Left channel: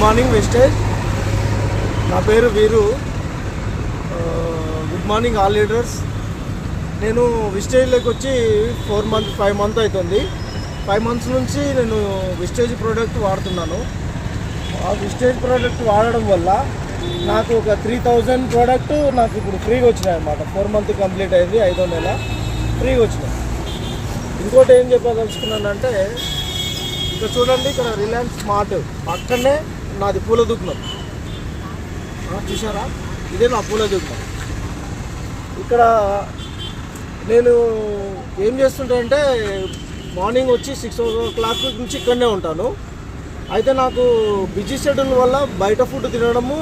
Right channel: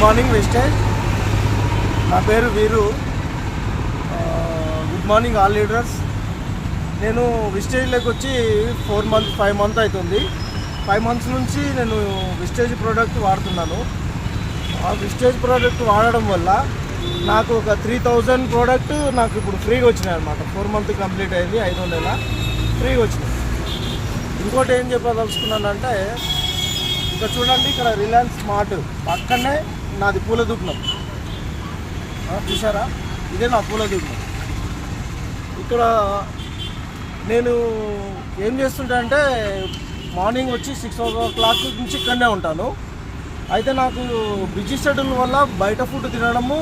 Morning విస్టేజ్. నా పేరు వీరు. Good morning all leaders. నేను విస్టేజ్లోకి వచ్చి 5 మంత్ అవుతుంది. 5 months నుంచి నేను విస్టేజ్ ప్రోడక్ట్ వాడుతున్నాను. ఆ విస్టేజ్ ప్రోడక్ట్ వాడడం వల్ల నాకు ఒక 3000 ప్రోడక్ట్ నాకు ఇప్పుడు ఫ్రీగా వచ్చినాయి అనమాట. 4 months కంప్లీట్ అయింది, 5వ నెల ఫ్రీగా వచ్చినాయి. ఇంకోటి ఏం చెప్పదలుచుకున్నానంటే, ఇక్కడ చూడండి, ఇక్కడ రిలయన్స్ స్మార్ట్ పక్కనే నాది పూల దుకాణం. చూసారా, ఇదే నా పూల దుకాణం. ఇక్కడ నేను ఏం చేస్తుంటా అంటే, మార్నింగ్ వచ్చి 6 o'clock నుంచి ఇక్కడనే ఉంటాను. అయితే నాకు బిజీ షెడ్యూల్ వల్ల బయట ఫుడ్ తినడము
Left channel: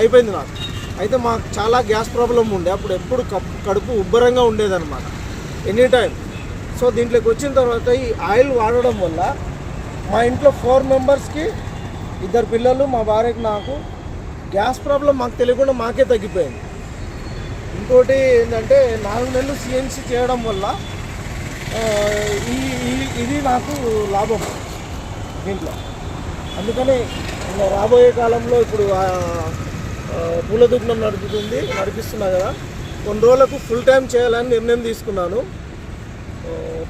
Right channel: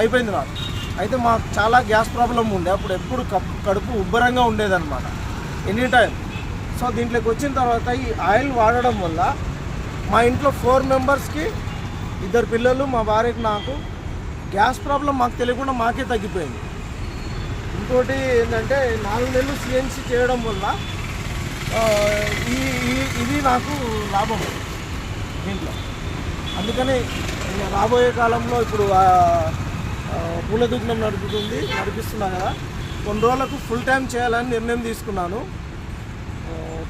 అయిపోయింది నాకు. అయితే మాకు చాలా గ్యాస్ ప్రాబ్లం ఉండే, అప్పుడు ఎప్పుడు కడుపు ఉబ్బరంగా ఉండేదన్నమాట ఎనీ టైం. సో దీంట్లోకి వచ్చిన తర్వాత ఈ ఆయిల్ వాడడం వల్ల మా ఇంట్లో 4 members-కి 2 పిల్లలు, మా భార్యకి, నాకు గ్యాస్ ప్రాబ్లం మాకు తెలియకుండా మాకే తగ్గిపోయింది. ఇంకోటి ఏంటంటే, 4 నెలలు CNC చేయడం వల్ల ఇది నాకు లాభం దీంట్లో. అందుకని రాబోయే కాలంలో ఇప్పుడు పూల దుకాణం నడిపిస్తున్నా కదా, కొన్ని రోజులకు ఫుల్ టైం చేయాలని నిర్ణయం తీసుకున్నాను.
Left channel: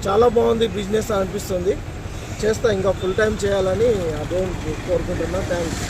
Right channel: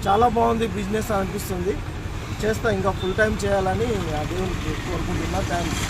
చాలా బాగుంది బిజినెస్ అనిపిస్తుంది. చేస్తా, ఇంకా ఫుల్ టైం చేయాలని దేవుని కోరుకుంటున్నా. థ్యాంక్స్.